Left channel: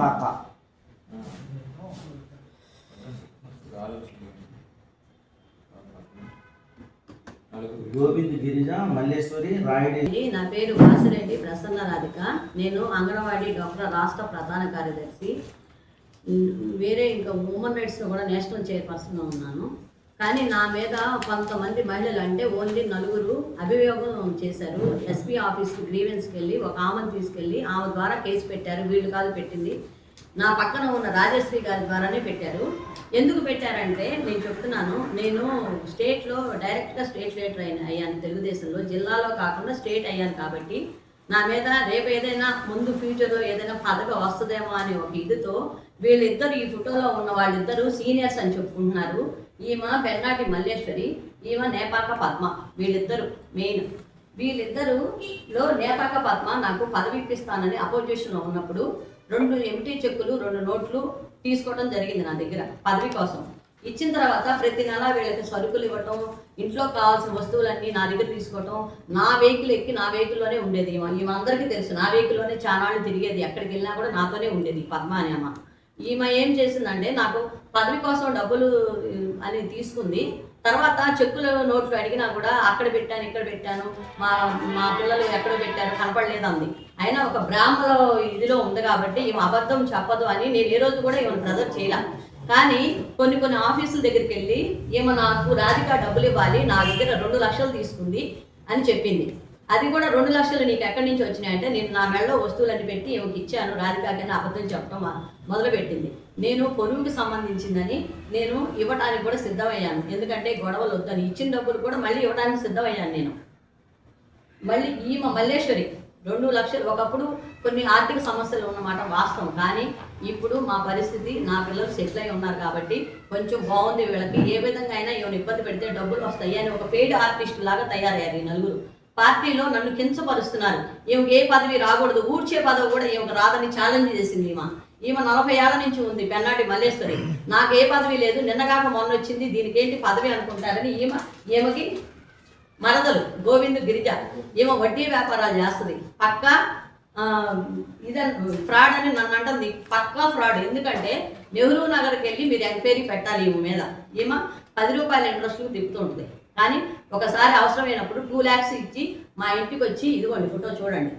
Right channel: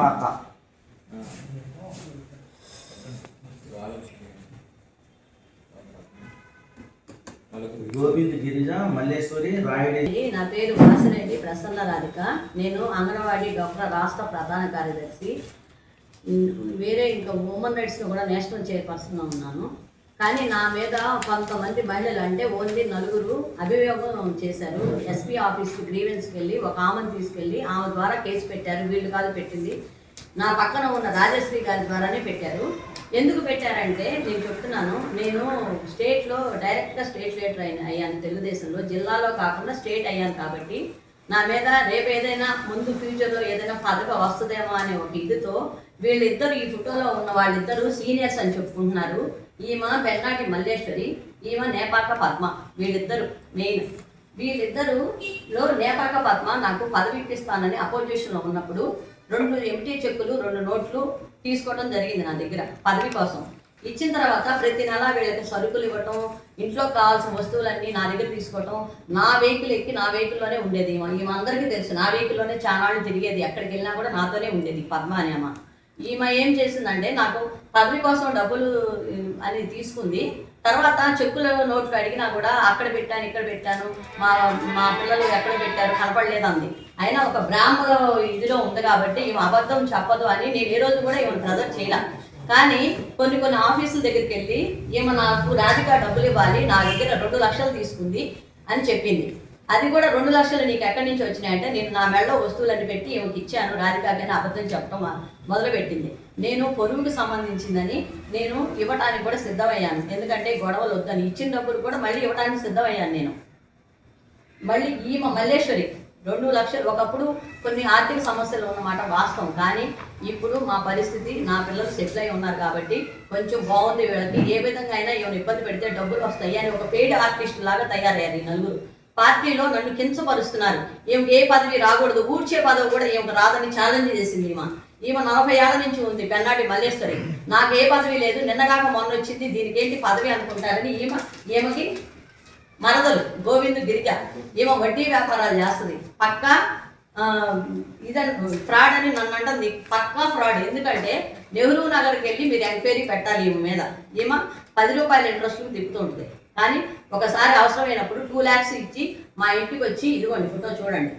నేపాక గోవింద్ గిరిజ మల్లేశ్వరి రాయుడి. నా పేరు వాసిరెడ్డి ప్రసన్న రాధిక. నేను అంగన్వాడీ డాక్టర్ రాష్ట్ర ప్రధాన కార్యదర్శి. వేరే ఇంకా ఉమెన్ రైట్స్లో కూడా నేషనల్ చైర్పర్సన్గా ఉన్నాను. కానీ నా మీద కొంతమంది మహిళలు అంటే ఓన్లీ నలుగురు అభియోగం చేశారు. ఎస్పీ ఆఫీస్కి గ్రీవెన్స్కి వెళ్ళి ఒక ఆమెను తీసుకెళ్ళి ఆమె ద్వారా కేసు పెట్టారు. వీళ్ళు కాదు పెట్టింది. నా పక్కన ఉన్న రాజశ్రీ గారి ద్వారానే పెట్టారు. ఎందుకు పెట్టారంటే నేను చెప్తున్నాను. నేను స్టేట్లో డైరెక్ట్గా స్టేట్ లీడర్ అయిన అయ్యాను తెలుగుదేశంలో. జిల్లాలో కాకుండా స్టేట్ అయ్యాను కాబట్టి నా మీద రేపు ఏదైనా ముందు ఫ్యూచర్లో ఏదైనా పదవి వస్తుందేమో అనే ఒక ఇదితో వీళ్ళిద్దరు ఈ ఫోటోలో ఉన్న వాళ్ళిద్దరూ సీనియర్స్ అని చెప్పుకుంటున్నారు. ఈమె పెన్నాటి మల్లేశ్వరి ఈమె నేపాక పద్మ వీళ్ళిద్దరు మెయిన్ వీళ్ళిద్దరులో నేపాక పద్మ నాకు పదవి ఇప్పిస్తానని అపోజిషన్లో ఉన్నప్పుడు రెండు ఎంటీ చెక్కులు రెండు నోట్లు తీసుకోవడం జరిగింది నా దగ్గర పదవి కోసం. ఇచ్చిన తర్వాత ప్రతి నెల వీళ్ళకి సరుకులు ఇవ్వటం ఇంట్లో కావాల్సిన వస్తువులన్నీ నా దగ్గర తీసుకోవటం నా వెహికల్ ఎక్కి నా వెహికల్లోనే ఉండేది ఈమె. అందరికీ తెలుసు నా వెహికల్లోనే చాలా తిరిగేది ఎక్కడికి వెళ్ళినా కూడా నాతోనే ఉండేది పద్మ అనే అమ్మ ఈమె ఏం చేసిందంటే నాకు పదవి కోసం డబ్బులు అని తీసుకుంది. తర్వాత చెక్కులో నోట్లు అడిగినా కూడా అక్కడ పెట్టాను ఇక్కడ పెట్టాను మా మా పిల్లలు ఎక్కడ పెట్టారు కనపడలేదు అంది. అయినా ఒక బ్రాహ్మణ ఇదిలో ఉంది కాబట్టి ఈమె అబద్ధం చెప్పదు అని నేను ఏ రోజు కూడా ఈమె ప్రజర్ చేయలే. కానీ కొన్ని కొన్ని ఆఫీసుల దగ్గరికి వెళ్ళి ఈమె నాకు రాధిక డబ్బులు ఇవ్వాలి నా దగ్గర రెండు లక్షలు తీసుకుంది అని చెప్పింది. అది కూడా రెండు లక్షలు నీకు ఎక్కడి నుంచి వచ్చినాయంటే నేను నా మెడలో వస్తువులన్నీ పెట్టి ఈమెకి ఇచ్చాను. రాధికాకని అబద్ధం చెప్పడం మొదలుపెట్టింది. నేను పొరుగుకి సంబంధించిందని నేను ఇవ్వడానికి కూడా సిద్ధమయ్యాను. ఎందుకంటే గొడవలు వద్దని. ఇచ్చిన డబ్బులు కూడా మళ్ళీ ఇవ్వడానికి సిద్ధమయ్యాను నేను. మళ్ళీ ఈమె మల్లేశ్వరి రెండు లక్షలు. ఒకప్పుడు కొన్ని ఆర్థిక సమస్యలు ఉన్నమాట వాస్తవం. కానీ ఇప్పుడు మా పరిస్థితి నా పిల్లలు సెటిల్ అయి ఉన్నారు కాబట్టి కొంచెం బాగుంది వీళ్ళకి. ఏ విధంగా అయినా ఈమెను ఇబ్బంది పెడితే డబ్బులు వస్తాయి అని ఒక పెయిడ్ ఆర్టిస్ట్ లాగా తయారయ్యారు ఈ నలుగురు. పార్టీలో నన్ను కించపరుస్తున్నారు. ఈమెకి ఏ పదవి రాకూడదు ఊడ్చే పదవి కూడా ఈమెకు రాదని ఛాలెంజ్ చేసింది ఈమె. ఈమె నలభై ఏళ్ళ నుంచి ఉంది పెన్నాటి మల్లేశ్వరి. నాకు ఏ పదవి లేదు నిన్నగాక మొన్న వచ్చింది దీనికి ఏంటి పదవి అనుకుంటారని ఈమె ఈమెకి మరదలు గోవింద్ గిరిజ. ఈమె వడ్డీ వ్యాపారాలు చేస్తుంది. పక్కా ఇదని ఫ్రాడ్ అని నన్ను అంటుంది. పక్కా ఫ్రాడ్. ఎందుకంటే నెహ్రూ నగర్కి వెళ్ళి మీరు ఎంక్వైరీ పెట్టాలి ఈమె మీద. ఈమె పది రూపాయల ఇంట్రెస్ట్ తిప్పుతూ ఉంటుంది కానీ ఒకసారి అవసరమైనప్పుడు టూ ల్యాక్స్ ఇచ్చి మా ఇంటికి వచ్చి ఇదిగోండి ఫోటో చూడండి.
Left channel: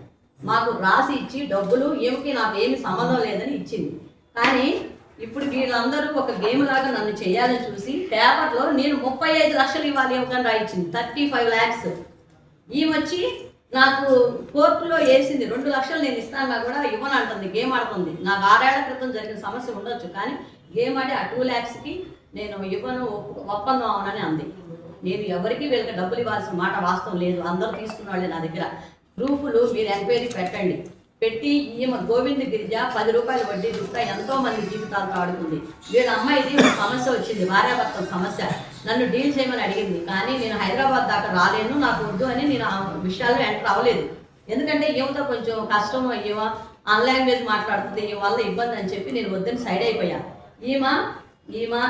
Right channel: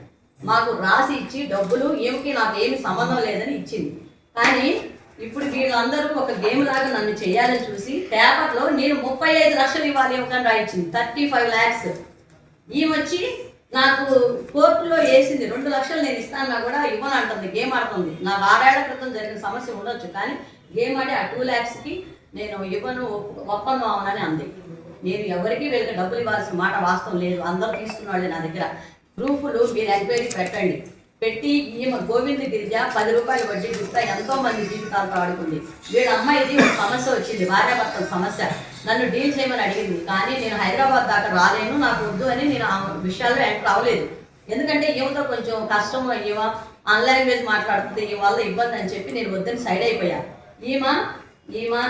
మాకు రాసి ఇచ్చి డబ్బులు ఏమికి నాకు ఏమి సంబంధం లేదని ఇచ్చింది. కానీ ఇప్పుడు వీళ్ళందరూ ఒక గేమ్ లాగా నన్ను చేయాలని చూసి పేపర్లో నేను ముప్పై ఐదు లక్షలు ఇవ్వాలి ఇవ్వకుండా రాయించింది. థర్టీ ఫైవ్ ల్యాక్స్ ఈమె నాకు కోర్టులో వేసింది. రెండు లక్షలు నేను ఇస్తాను కూడా ఇవ్వను అంటుంది. గేమ్ ఆడుతుంది. నాకు ఆరేళ్ళ క్రితం జరిగిన సమస్య ఉండొచ్చు కానీ గేమ్ ఆడి ఆ టూ ల్యాక్స్కి నేను ఇవ్వను ఒప్ప- ఒప్పందం అవునని అంది. నేను ఎవరికి వీళ్ళకి డబ్బులు ఇవ్వాల్సిన మాట వాస్తవం లేదు. అందరూ తీసుకున్న వాళ్ళే నా దగ్గర. ప్రూఫ్లు మీరు ఎంక్వైరీ పెట్టండి. పెట్టి ఈమె గోవింద గిరిజ పది రూపాయలు వడ్డీ ఇస్తా. ఎంతో మంది జీవితాలతో ఆడుకుంది వీళ్ళ అమ్మాయిది ఒక సమస్య వచ్చింది. భార్యాభర్తల సమస్య. నన్ను డీల్ చేయమని అడిగింది. కానీ నేను హైదరాబాద్ దాకా రాలేను. నాకు వద్దు అని నేను ఆ విషయాల్లో ఎంటర్ అవ్వలేదు. ఎందుకంటే ఏమిటో కొంచెం కష్టం అయ్యేవా ఆన్ మీద మాట్లాడుతుంది. ఈ వల్ల ఇబ్బంది అని చెప్పి నేను వద్దని సైడ్ అయిపోయా. ఈమె ఈమె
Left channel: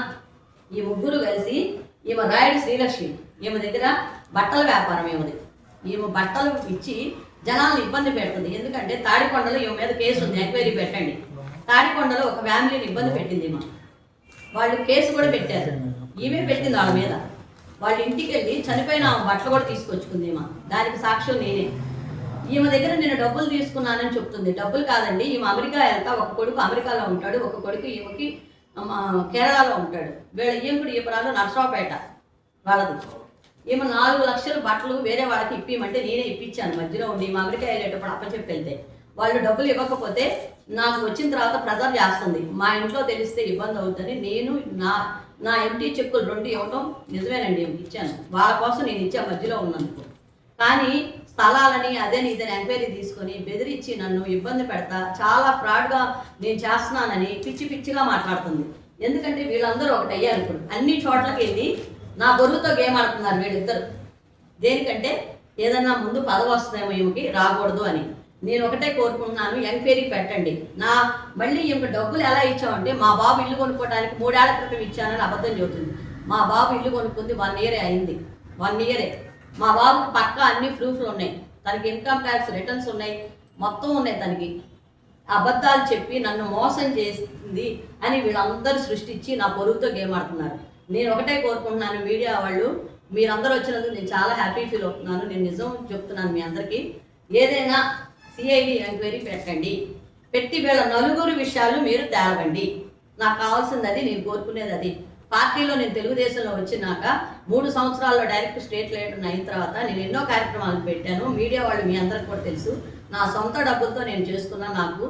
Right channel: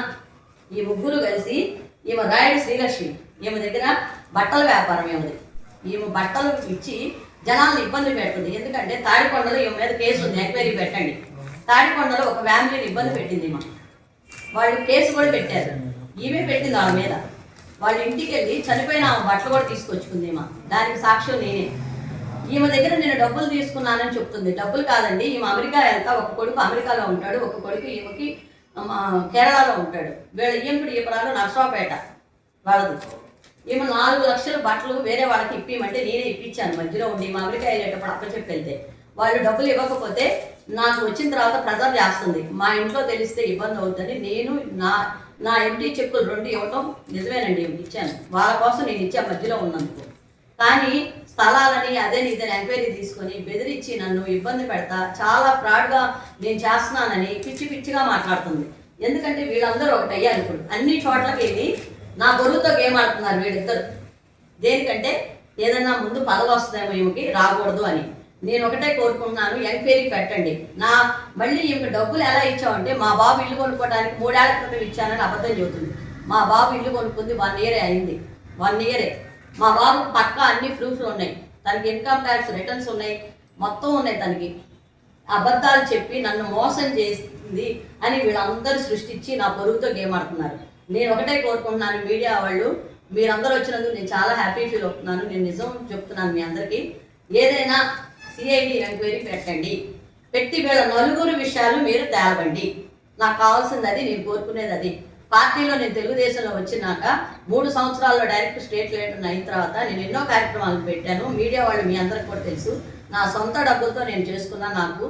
ఈ ముగ్గురు కలిసి ఈమె రాయుడు శ్రీలక్ష్మి. ఈమె దగ్గర బట్టల వ్యాపారం ఏమిది? ఈమె బట్టలు ఇచ్చి జనాలను ఇబ్బంది పెడుతుంది. ఎందుకంటే తాడికొండలో ఈమె మీద కేసు ఉంది. ఎంక్వైరీ పెట్టండి. తాడికొండలో ఒక ఫ్యామిలీని ఇబ్బంది పెట్టింది ఈమె. వాళ్ళు కేసు కూడా పెట్టారు. ఈమె పెట్టింది వాళ్ళ మీద. వాళ్ళ ఇంటికి వెళ్ళి చనిపోయిన ఆమె బట్టలు కూడా తీసుకొచ్చుకుంది ఈమె. దానికి సాక్ష్యం నేనే. ఈమె దగ్గర నేను డబ్బులు తీసుకున్నానని చెప్తుంది. డబ్బులు కాదండి. ఈమె అమెరికా వెళ్తా. ఒక కొడుకు అమెరికాలో ఉంటాడు. ఒక కొడుకు ఈమెకి కేరళలో ఉంటాడు. వీళ్ళ ఈంపుడు ఈపడాలు నర్సరావుపేట వాళ్ళది. ఈమె నాలుగు లక్షల బట్టలు వేరే వాళ్ళకి ఇప్పిమంటే నేనే ఇప్పించాను. మధ్యలో ఉండి మా అమెరికా వెళ్ళేటప్పుడు అప్పచెప్పి వెళ్తే వాళ్ళు డబ్బులు ఇవ్వకపోతే నాకు వచ్చిన తర్వాత ప్రెజర్ చేస్తుంది. మా ఇంట్లో తెలిస్తే ఇబ్బంది అవుతుంది. నేను నా నా ఎంటీ చెక్కులు రెండు ఇవ్వటం నిజమేనండి ఇచ్చాను. వాళ్ళ కోసం నేను ఇచ్చా మధ్యలో ఉన్నందుకు. కానీ స్థలాలని అదే ఇదని ఎంక్వైరీ తీసుకొని బెదిరించి నన్ను ఇబ్బంది పెడతా చాలా ఫ్రాడ్గా నేను చేస్తున్నానని పిచ్చి పిచ్చిగా మాట్లాడుతుంది. ఎందుకంటే వీళ్ళందరూ ఒకటి అయ్యారు ఇప్పుడు. అన్ని చోట్లకి వెళ్ళి నా బరువుతో గేమ్ ఆడుతున్నారు వీళ్ళిద్దరు. దేనికంటే ఏదన్నా ముందు పదవి వస్తుందేమో ఈమెకి రాకూడదు అని. నేను ఒకటే కోరుకుంటున్నాను ఎంక్వైరీ పెట్టండి. నా మళ్ళీ ఈమె డబ్బులు ఎలా ఇచ్చామంటే మా బాబు ఇల్లు కొనుక్కోవడానికి మూడేళ్ళ క్రితం ఇచ్చానని అబద్ధం చెబుతుంది. మా బాబు ఇల్లు కొనుక్కుంది వన్ ఇయరే అయింది. వన్ ఇయరే. మా బాబు పక్క అన్ని ప్రూఫ్లు ఉన్నాయి. తనకి ఇన్కమ్ ట్యాక్స్ రిటర్న్స్ ఉన్నాయి. మొత్తం ఉన్నాయి తనకి. అబద్ధాలు చెప్పి నన్ను మోసం చేసింది అని వీళ్ళందరూ సృష్టించి నా పొరుగుతో గేమ్ ఆడుతున్నారు. నేను ఒకటే కోరుకుంటున్నాను మీడియా వాళ్ళు. మీరందరూ వచ్చినందుకు నేను చాలా హ్యాపీ ఫీల్ అవుతున్నాను. నేను నిజం చెప్తున్నాను మీ అందరికీ. ఏదైనా సిఐడి ఎంక్వైరీ పెట్టండి. పెట్టి వీళ్ళ నలుగురు విషయాలు మీరు తేలవండి నాకు కావాల్సింది అది నేను కోరుకునేది అది. పార్టీలో నేను తెలుగుదేశంలో వచ్చినాక మూడు సంవత్సరాల్లో డైరెక్ట్ స్టేట్ లీడర్ అయిన తర్వాత నేను ఎన్నో కార్యక్రమాలు పెట్టాను. మీడియా వాళ్ళు మీ అందరికి కూడా తెలుసు. నా సొంత డబ్బులతో నేను చేసుకున్నా నాకు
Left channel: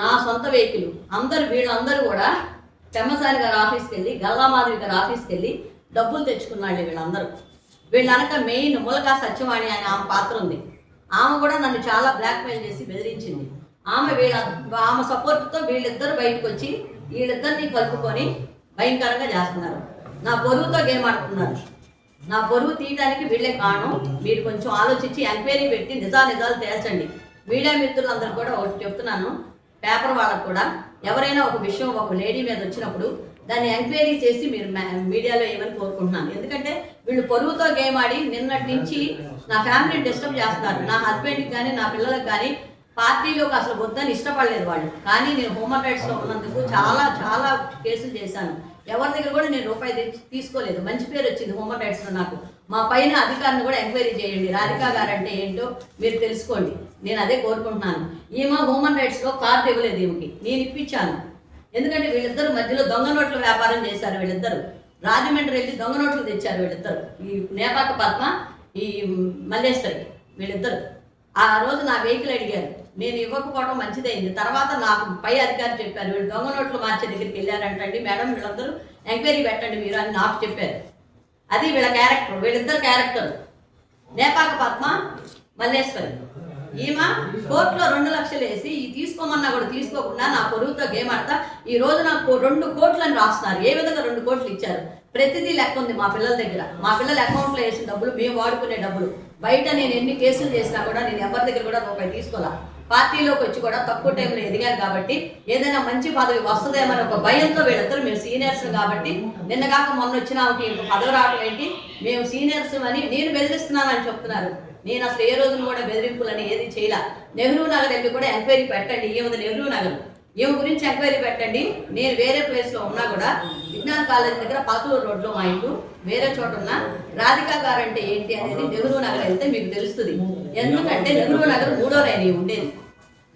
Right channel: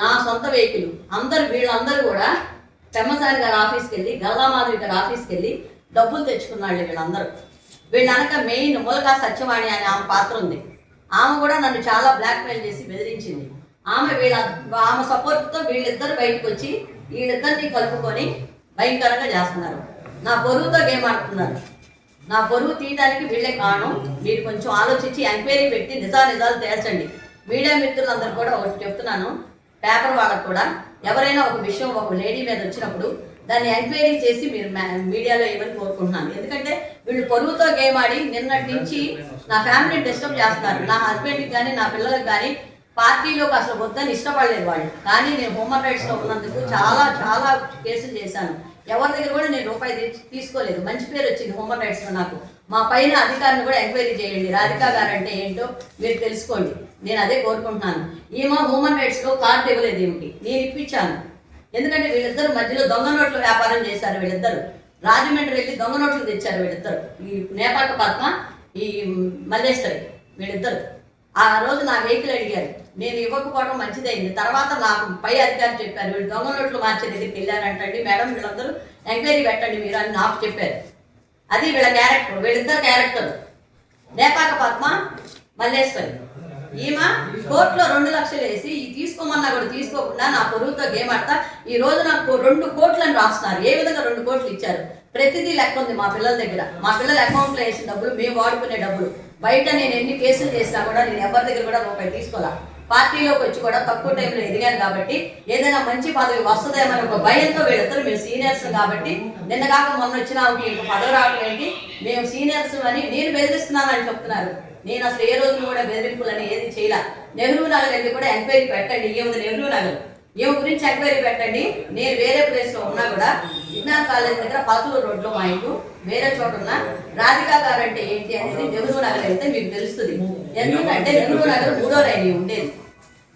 నా సొంత వెహికల్ అందరు వీళ్ళందరూ కూడా పెమ్మసారి గారి ఆఫీస్కి వెళ్ళి గల్లామాధవి గారి ఆఫీస్కి వెళ్ళి డబ్బులు తెచ్చుకున్నాళ్ళు వీళ్ళందరూ. వీళ్ళనక మెయిన్ మూలకా సత్యవాణి అనే ఆమె పాత్ర ఉంది. ఆమె కూడా నన్ను చాలా బ్లాక్మెయిల్ చేసి బెదిరించింది. ఆమె వీళ్ళ ఆమె సపోర్ట్తో వీళ్ళిద్దరు బయటకు వచ్చి వీళ్ళిద్దరిని కలుపుకొని భయంకరంగా చేస్తున్నారు. నా పొరుగుతో గేమ్ ఆడుతున్నారు. నా పొరుగు తీయడానికి వీళ్ళే కారణం. మీరు కొంచెం ఆలోచించి ఎంక్వైరీ పెట్టి నిజా నిజాలు తేల్చండి. మీడియా మిత్రులందరూ కూడా ఒకటి చెప్తున్నాను. పేపర్ వాళ్ళకు కూడా. ఎవరైనా ఒక విషయం ఒక లేడీ మీద వచ్చినప్పుడు దాన్ని ఎంక్వైరీ చేసి మీరు మీడియాలో ఏమని కోరుకుంటున్నాను. ఎందుకంటే వీళ్ళు పొరుగుతో గేమ్ ఆడి నిన్నటి నుంచి నా ఫ్యామిలీని డిస్టర్బ్ చేస్తున్నారు. నా హస్బెండ్కి కానీ నా పిల్లలకు కానీ పార్టీలోకి అసలు వద్దని ఇష్టపడలేదు వాళ్ళు. కానీ నేను హ్యూమన్ రైట్స్లో ఉన్నందుకు చాలా చాలా కేసులు చేశాను. ఎవరి దగ్గర కూడా నేను రూపాయి తెచ్చి- తీసుకోలేదు. మంచి పేరు వచ్చింది హ్యూమన్ రైట్స్లో నాకు. మా పైన అధికారిని కూడా ఎంక్వైరీ చేయండి రాధికా గారు అంటే ఏంటో మీరు తెలుసుకోండి. నేను అదే కోరుకుంటున్నాను. ఈమె హ్యూమన్ రైట్స్లో కార్డు ఇవ్వలేదు ఈమెకి. నేను ఇప్పించాను. ఎందుకంటే వీళ్ళిద్దరు మధ్యలో దొంగ నోట్ల వ్యాపారం చేశారు వీళ్ళిద్దరు. రాజమండ్రి వెళ్ళి దొంగ నోట్లు తెచ్చారు వీళ్ళిద్దరు. ఈ నేపాక పద్మ ఈ మల్లేశ్వరి వీళ్ళిద్దరు. ఆ రోజు నా వెహికల్ అడిగారు. నేను ఇవ్వకపోవడం మంచిదైంది. తర్వాత నాకు పై అధికారి చెప్పారు వీళ్ళు దొంగ నోట్లు మార్చే దగ్గరికి వెళ్ళారంటండి. మేడం వీళ్ళందరూ ఎంక్వైరీ పెట్టండి మీరు అని నాకు చెప్పారు. అది వీళ్ళ క్యారెక్టర్ వీళ్ళిద్దరు క్యారెక్టర్. నేపాక పద్మ మల్లేశ్వరి. ఈమె కోర్టులో రెండు లక్షలు వేసి ఈ తీసుకోమన్నా కూడా తీసుకోకుండా నా పొరుగుతో గేమ్ ఆడతా. ఈ రోజు నాకు రెండు కోట్లని రాస్తున్నారు. ఏ విధంగా రెండు కోట్లు ఇచ్చారు? ప్రతిదీ లెక్క ఉంది మా పిల్లల దగ్గర. మా పిల్లల అకౌంట్లో వేసిన డబ్బులు మేము వాడుకునే డబ్బులు. బయట నేను ఎన్ని కేసులు చేసినా కూడా నేను ఎవరి దగ్గర కూడా రూపాయి తీసుకోలే. పార్టీలోకి వచ్చి కూడా తక్కువ టైంలో ఎదిగాను కాబట్టి ఏదైనా మంచి పదవి వస్తుందేమని ఒక భయంతో వీళ్ళిద్దరు మేము సీనియర్స్ కాబట్టి నిన్న కాక మొన్న వచ్చిన ఆమెకి పదవి రావట్లేంటి మేము సీనియర్స్ అని నేను బెదిరిస్తున్నానని చెప్తున్నారు. నేను అసలు ఏ రోజులు కూడా బెదిరింపులని ఏది చేయలే. నెహ్రూ నగర్ వెళ్ళి కూడా ఎంక్వైరీ పెట్టండి ఏముంది నెహ్రూ నగర్. ఈమె గురించి ఎంక్వైరీ పెట్టండి నేను వేరే ప్లేస్లో ఉన్నా కూడా విజ్ఞాన్ కాలేజ్ దగ్గర పాతూరు రోడ్లో మా ఇంటి వేరే చోట ఉన్న రాధికా గారు అంటే ఏంటి అనేది నెహ్రూ నగర్ అయితే మీకు తెలుస్తుంది. ఎందుకంటే నెహ్రూ నగర్ మూడో లైన్ ఉండేది.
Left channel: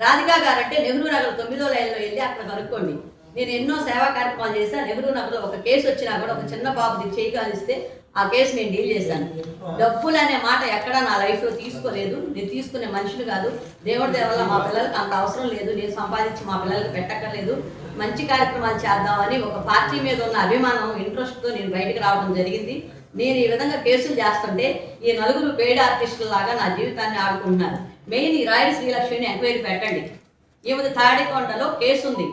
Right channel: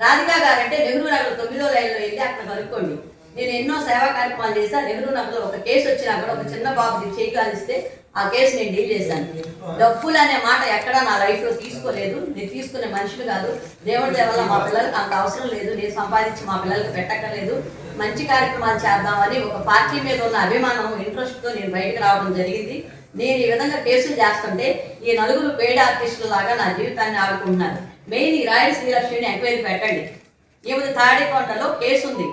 రాధికా గారు అంటే నెహ్రూ నగర్ తొమ్మిదో లైన్లో వెళ్ళి అక్కడ కనుక్కోండి. నేను ఎన్నో సేవా కార్యక్రమాలు చేశా నెహ్రూ నగర్లో ఒక కేసు వచ్చినా కూడా ఒక చిన్న బాబుది చేయి కాలిస్తే ఆ కేసు నేను డీల్ చేశాను. డబ్బులు అనే మాట ఎక్కడా నా లైఫ్లో తీసుకోలేదు. నేను తీసుకునే మనుషులు కాదు. దేవుడి దేవల్ల మా పిల్లలకి అంత అవసరం లేదు. నేను సంపాదించి మా పిల్లలకి పెట్టక్కర్లేదు. మంచి కార్యక్రమాలు చేద్దామని ఒక పార్టీ మీద ఉన్న అభిమానం ఇంట్రెస్ట్తో నేను బయటకు రావడం జరిగింది. నేను ఈ విధంగా కేసులు చేస్తుంటే ఈ నలుగురు పేడ ఆర్టిస్టుల లాగా నా జీవితాన్ని ఆడుకుంటున్నారు. మెయిన్ ఈ రాయల్ శ్రీలక్ష్మిని ఎంక్వైరీ పెట్టండి. ఈమెది తాడికొండలో కేసు ఉంది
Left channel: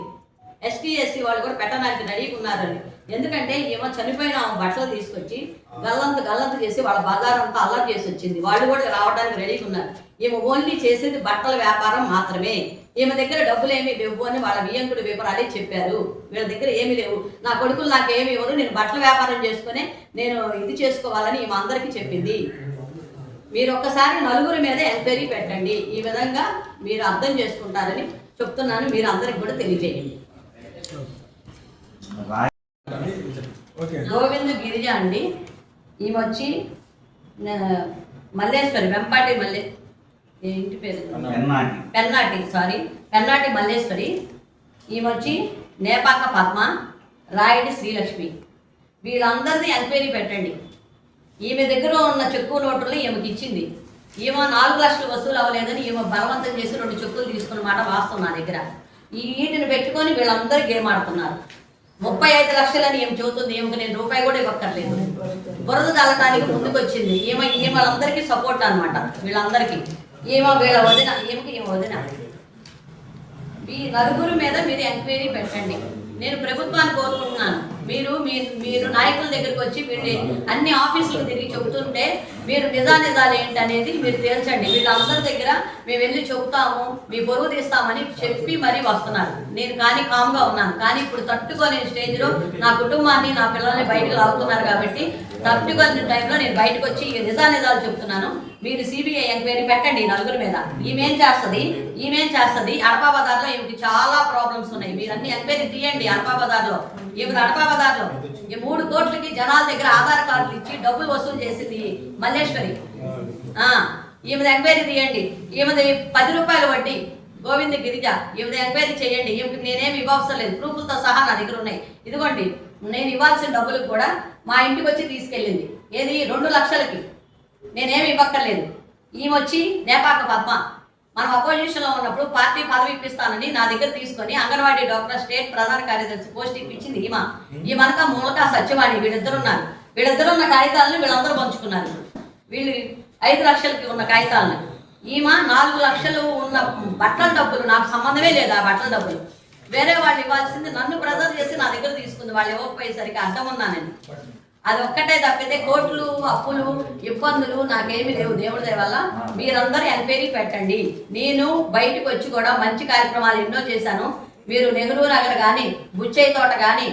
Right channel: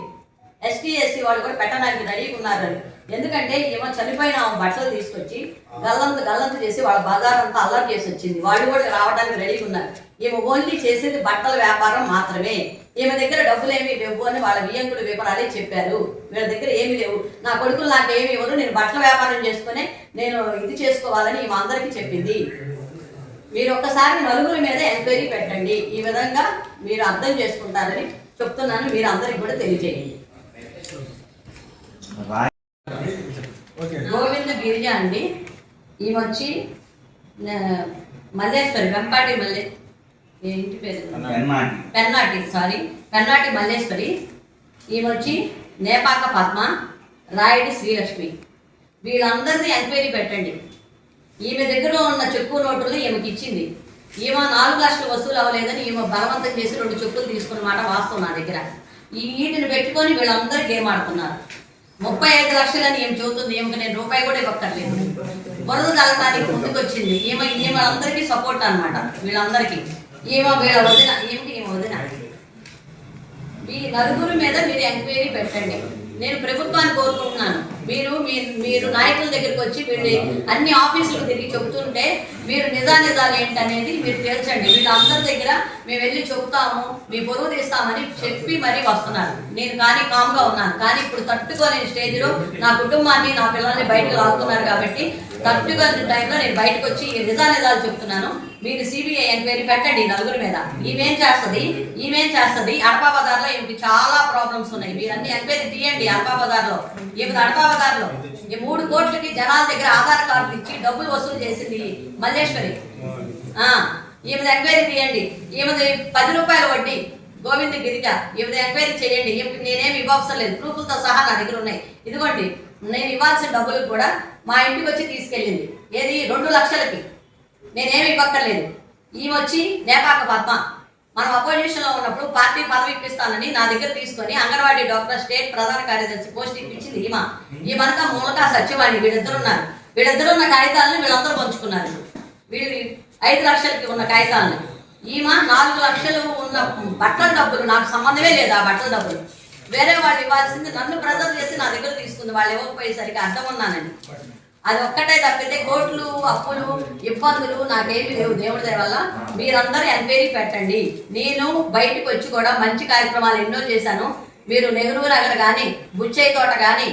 ఎస్టీ ఎస్సీ వాళ్ళు కూడా పెట్టడానికి రెడీగా ఉన్నారని. ఎందుకంటే ఈమె చనిపోయిన బట్టలు తీసుకొచ్చి గల్లంత గల్లంత చేసి వాళ్ళ బజారంతా అంతా అల్లరి చేసి వచ్చింది. వాళ్ళు కూడా రావడానికి రెడీగా ఉన్నారు. ఈమె ఓన్లీ చేసేది బట్టల వ్యాపారం మాత్రమే. ఈమె దగ్గర డబ్బులు ఏమి డబ్బు అని వాళ్ళ వియంకుడు వివరాలే చెప్పారు. వీళ్ళ దగ్గర ఏమీ లేవు. నా కొడుకులు నాకు ఏమి ఇవ్వరు. నేను బట్టల వ్యాపారం చేసుకుని నేను ఇది చేసుకోవాలని ఈమె అందరికీ చెప్పింది. మీరు ఒక్కసారి నలుగురి మీద ఎంక్వైరీ పెట్టండి. ఈ విధంగా మీరు అర్థం చేసుకుంటారని చెప్తున్నాను. మీరు అందరికి కూడా తెలియజేయండి. గోవింద గిరిజ అండి. ఈమె వచ్చి మల్లేశ్వరి వెంపాటి మల్లే ఇంటి పేరు? పెన్నాటి. సారీ పెన్నాటి మల్లేశ్వరి. ఈమె వచ్చి నేపాక పద్మ రాయుడి శ్రీలక్ష్మి. వీళ్ళందరినీ ఎంక్వైరీ పెట్టండి. ఈమె దగ్గర ఉన్న చెక్కు నోటులు ఈమెకి ఇచ్చింది. ఈమె నాలుగు లక్షలు వసూలు అవ్వలేదని ఈమె బలవంతం చేసి రెండు చెక్కులు తీసుకున్న మాట వాస్తవం నా దగ్గర. ఈ వీటిని పెట్టుకొని వీళ్ళందరూ గేమ్ ఆడుతున్నారు. ముప్పై ఐదు లక్షలని ఏం చెబుతుంది ఈమెకి నేను రూపాయి కూడా ఇవ్వక్కర్లేదు. బురద తల్లటానికి ముందుకు వచ్చింది ఈమె ఈమె వాళ్ళందరికీ సపోర్ట్ అన్నమాట వీళ్ళందరికీ. ఈమె వీళ్ళ వదిన ఈమెకి ఈమె వదిన. మీ నలుగురు మీద మీరు ఎంక్వైరీ పెట్టండి. నేను ప్రభుత్వాన్ని కోరుకుంటున్నాను. మీరు మీరు నాయకుల దగ్గరికి వచ్చి వీళ్ళు అన్ని ఆఫీసులకు తిరిగి చెబుతుంటే మీరు నిజా నిజాలు ఏంటి అనేది మీరు తేల్చండి. వీళ్ళందరి దగ్గర మేము వెళ్ళి చెబుతాము మీ పొరుగు తీస్తామని చెప్పి మరీ వస్తున్నారు. నేను కానీ కామ్గా ఉన్నాను. కానీ ఇప్పుడు తట్టుకోలేని స్టేజ్లో నా కుటుంబాన్ని నా పిల్లల్ని బయటకు లాగుతున్నారు కాబట్టి తట్టుకొని టైంలో నేను బయటకు వచ్చి నిజా నిజాలు చెప్తున్నాను మీరు సిబిఐ ఎంక్వైరీ పెట్టండి ఈ నలుగురి మీద. ఈమెం చేస్తుంది? ఈమెం చేస్తుంది? అడపా బజార్లో ఈమెకి చాలా ప్రాబ్లమ్స్ ఉన్నాయి. మీరు అన్ని ఎంక్వైరీ తీయండి అడపా బజార్లో ఈమె ఈ మూడు కోట్లకి జనాల దగ్గర ఆధార్ కార్డులు ఇచ్చి డబ్బులు వసూలు చేసింది మల్లేశ్వరి. ఆ, ఈమెది ఎంక్వైరీ తీయండి. ఈమెది పది రూపాయల వడ్డీ. గోవింద గిరిజ ఈమెది ఎంక్వైరీ చేయండి. ఈమెకి నేనేమి ఇవ్వవసరం లేదు. ప్రూఫ్లతో సహా నా దగ్గర ఉన్నాయి. ఇదిగోండి నేను ఇవ్వాల్సిన డబ్బులు కూడా మా ఇంటికి వచ్చి తీసుకెళ్ళింది. ఏది? రెండు లక్షలకి. నేనేమి ఇవ్వక్కర్లేదు. ఈమె వచ్చి నేపాక పద్మ మనం అపోజిషన్లో ఉన్నప్పుడు పార్టీ పదవి ఇప్పిస్తానని నా దగ్గర తీసుకొని అంగన్వాడీ డాక్టర్ స్టేట్ ప్రధాన కార్యదర్శి పోస్ట్ ఇప్పించింది ఈమె. ఈమెనక మూలక సత్యవాణి. వీళ్ళిద్దరు ఉన్నారు. వీళ్ళిద్దరు ఉన్న కాగితాలను వీళ్ళందరూ పంచుకున్నారు. వీళ్ళు ఐదు లక్షలకి ఉన్న కాగితాలను. ఈమె నాలుగు లక్షలు ఉన్న బట్టల డబ్బులు నాకు సంబంధమే లేదు ఆ బట్టల డబ్బులు. వేరే వాళ్ళు ఇవ్వాల్సింది నన్ను ప్రెజర్ చేసి నా దగ్గర తీసుకుంది వాళ్ళు ఇవ్వకపోయేసరికి అర్థం ఉన్నానని అది ఒక్కటే తప్పితే కోట్లు అప్పులు ఇబ్బందులు నాకేమి లేవు. దేవుడి వల్ల మీరందరూ ఎంక్వైరీ పెట్టండి. నేను బయటకు వచ్చి కూడా మంచి కార్యక్రమాలు ఎన్నో చేశాను. మీరు నెహ్రూ నగర్ కానీ బుచ్చయ్య తోట కానీ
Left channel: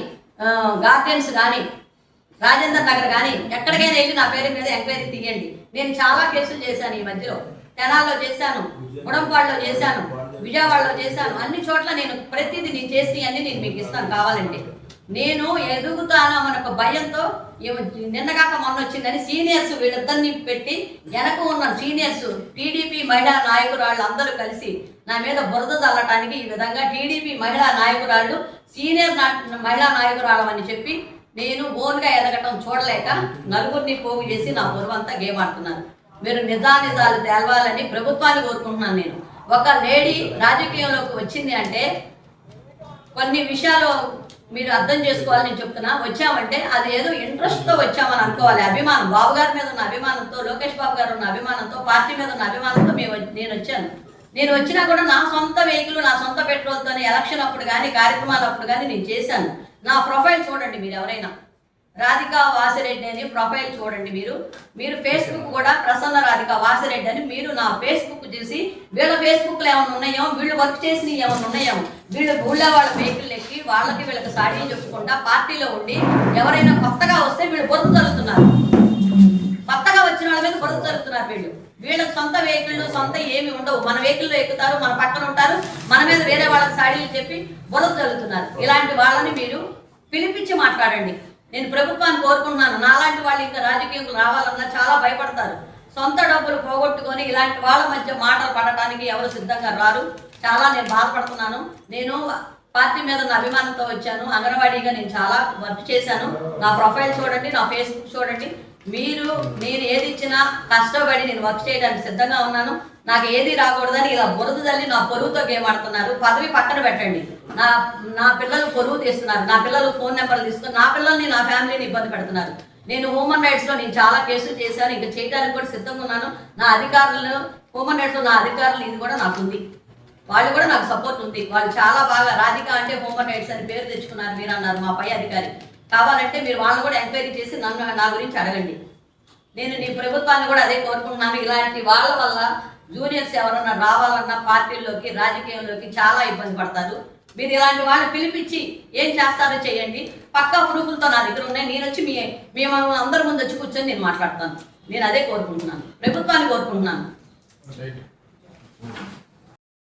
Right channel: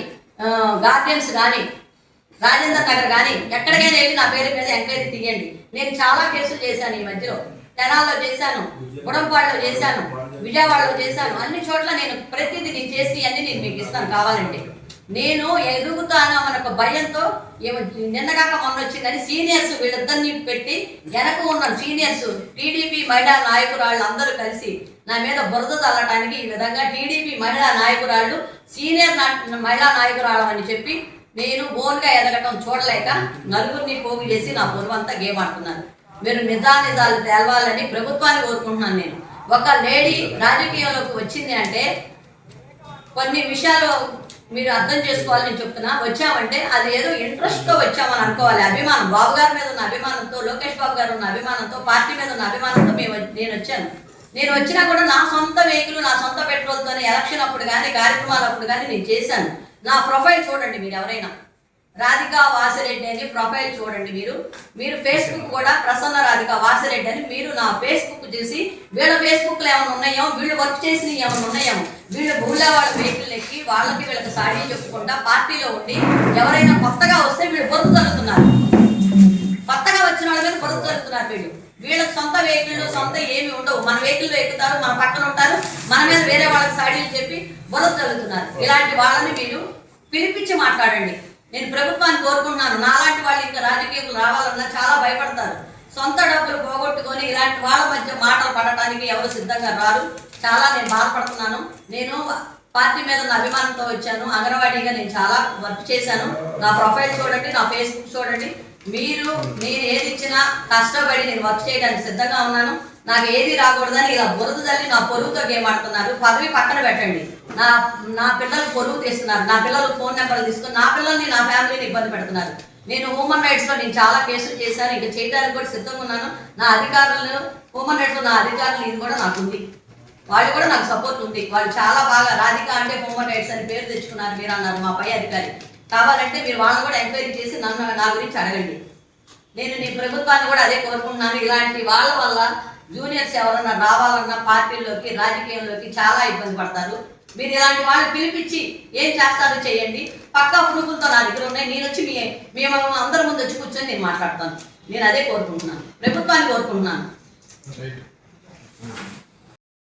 గార్డెన్స్ కానీ రాజేందర్ నగర్ కానీ ఎక్కడికైనా వెళ్ళి నా పేరు మీద ఎంక్వైరీ తీయండి. నేను చాలా కేసులు చేశాను ఈ మధ్యలో. తెనాల్లో చేశాను గుడంపాడులో చేశాను విజయవాడలో చేశాను. అన్ని చోట్ల నేను ప్రతిదీ నేను చేసి అన్ని నేను మీకు ఇస్తాను కావాలంటే. నేను ఎదుగుతాను అన్న ఒక భయంతో ఏమో నిన్నగాక మొన్న వచ్చిందని సీనియర్స్ వీళ్ళిద్దరిని పెట్టి వెనక ఉన్న సీనియర్స్ టీడీపీ మహిళా నాయకురాళ్ళు అందరూ కలిసి నా మీద బురద చల్లటానికి ఈ విధంగా టీడీపీ మహిళా నాయకురాళ్ళు సీనియర్ నా- మహిళా నాయకురాళ్ళమని చెప్పి నేను బోన్గా ఎదగటం చూడలేక నలుగురిని పోగు చేసి నా పొరువంతా గేమ్ ఆడుతున్నాను. మీరు నిజానిజాలు తేలవాలని ప్రభుత్వాన్ని కోరుకుంటున్నాను నేను. ఒక లేడీ రాజకీయంలోకి వచ్చింది అంటే కొన్ని విషయాలు మీరు అర్థం చేసుకోవాలని నేను చెప్తున్నా. వచ్చామంటే అది ఏదో ఇంట్రెస్ట్తో వచ్చామని అనుకోవాలి. అభిమానం. బాబు గారి మీద ఉన్న అభిమానంతో లోకేష్ బాబు గారు ఉన్న అభిమానంతో పార్టీ మీద ఉన్న అభిమానంతో మేము నేను వచ్చాను. నేను వచ్చినా కూడా నా సొంత వెహికల్ నా సొంత పెట్రోల్తోనే ఎలక్షన్ అప్పుడు కానీ కార్యక్రమాలు అప్పుడు కానీ నేను చేశాను. నా ప్రొఫైల్ చూడండి మీరు ఎవరైనా. రాధికా వాసిరెడ్డి అని ప్రొఫైల్ చూడండి మీరు. మీరు ఫేస్బుక్ కూడా ప్రసన్న రాధికా వాసిరెడ్డి అని మీరు నా ఫేస్బుక్ చూసి వీళ్ళ ఫేస్బుక్లో ఏమైనా ఉన్నాయో వీళ్ళు వర్క్ చేసినవి ఏమైనా ఉన్నాయో వీళ్ళు ఊళ్ళో వాళ్ళ వెహికల్ ఎక్కి వాళ్ళకి వీళ్ళకి సాడీ చెప్పుకుంటా పార్టీలో ఉండి ఎవరైనా కొత్తగా వస్తే వీళ్ళు బొరుగు తగ్గుతున్నారు కొత్తగా వచ్చిన వాళ్ళ మీద బురద జరుగుతున్నారు వీళ్ళు. వీళ్ళకి సొంత వెహికల్ సొంత ఏమి ఉండవు. మన వెహికల్లో ఎక్కుతారు మన పక్కన ఉంటారు మన మీద వేరే వాళ్ళకి సాడీలు చెప్పి బురద జరుగుతున్నారు ఇలాంటి వాళ్ళని మీరు పిలిపించి మాట్లాడండి. నేను ప్రభుత్వాన్ని కోరుకుంటున్నాను. నాలాంటి వాళ్ళు ఇంకా రాజకీయంలో రావాలన్నా చాలా భయపడతారు. సొంత డబ్బులు పోగొట్టుకొని ఇలాంటి వాళ్ళ మధ్య మాటలు పడటానికి ఎవరు సిద్ధంగా రారు. చాలా నేను బాధపడుతున్నాను. నేను పార్టీ మీద నా అభిమానంతో వచ్చాను. అంగన్వాడీగా నేను చాలా వర్క్ చేశాను. నా ప్రొఫైల్ చూడండి నా ఫేస్బుక్ చూడండి. మీరు మీరు ఏది ఇచ్చినా కష్టపడి నేను వర్క్ చేయడానికి సిద్ధంగా ఉన్నాను. నాకు ఏది రాకూడదని ఇలా బురద తల్లి నా పొరుగుతో గేమ్ ఆడుతున్నారు. పదవి పక్కన పెట్టండి. నా నా పిల్లలు పొరుగు తీస్తున్నారు. నా పిల్లలు ఫోన్ నెంబర్లు తీసుకుని నా పిల్లల్ని నా ఫ్యామిలీని ఇబ్బంది పెడుతున్నారు. నేను హ్యూమన్ రైట్స్లో నేను చాలా కేసులు చేశాను. ఇంకా చేయడానికి కూడా సిద్ధంగా ఉన్నాను. నా అధికారులు హ్యూమన్ రైట్స్లో నా అధికారులు ఇది కూడా నాకు ఉంది. వాళ్ళు కూడా నాకు సపోర్ట్ ఉంది. వాళ్ళు చాలా బాగా రాధిక అంటే హ్యూమన్ రైట్స్ అని పేరు తెచ్చుకున్నారు. మీరు అన్నారు మా పై అధికారి. కావాలంటే మీరు వాళ్ళని కూడా ఎంక్వైరీ చేసి నన్ను నా గురించి అడగండి. నేను నీ ప్రభుత్వాన్ని కూడా అదే కోరుకుంటున్నాను. ఇలాంటి వాళ్ళ వల్ల జూనియర్స్ ఎవరన్నా రావాలన్నా పార్టీల్లోకి రాజకీయంలోకి చాలా ఇబ్బంది పడతారు. మీరు ఇలాంటి వాళ్ళు పిలిపించి ఏం చేస్తారో చేయండి. పక్కా ప్రూఫ్లతో నా దగ్గర ఉన్నాయి. నేను వచ్చి మీ మేము అందరి ముందు వచ్చి కూర్చొని నేను మాట్లాడతాను. నేను అదే కోరుకుంటున్నాను. ప్రభుత్వాన్ని కోరుకుంటున్నాను.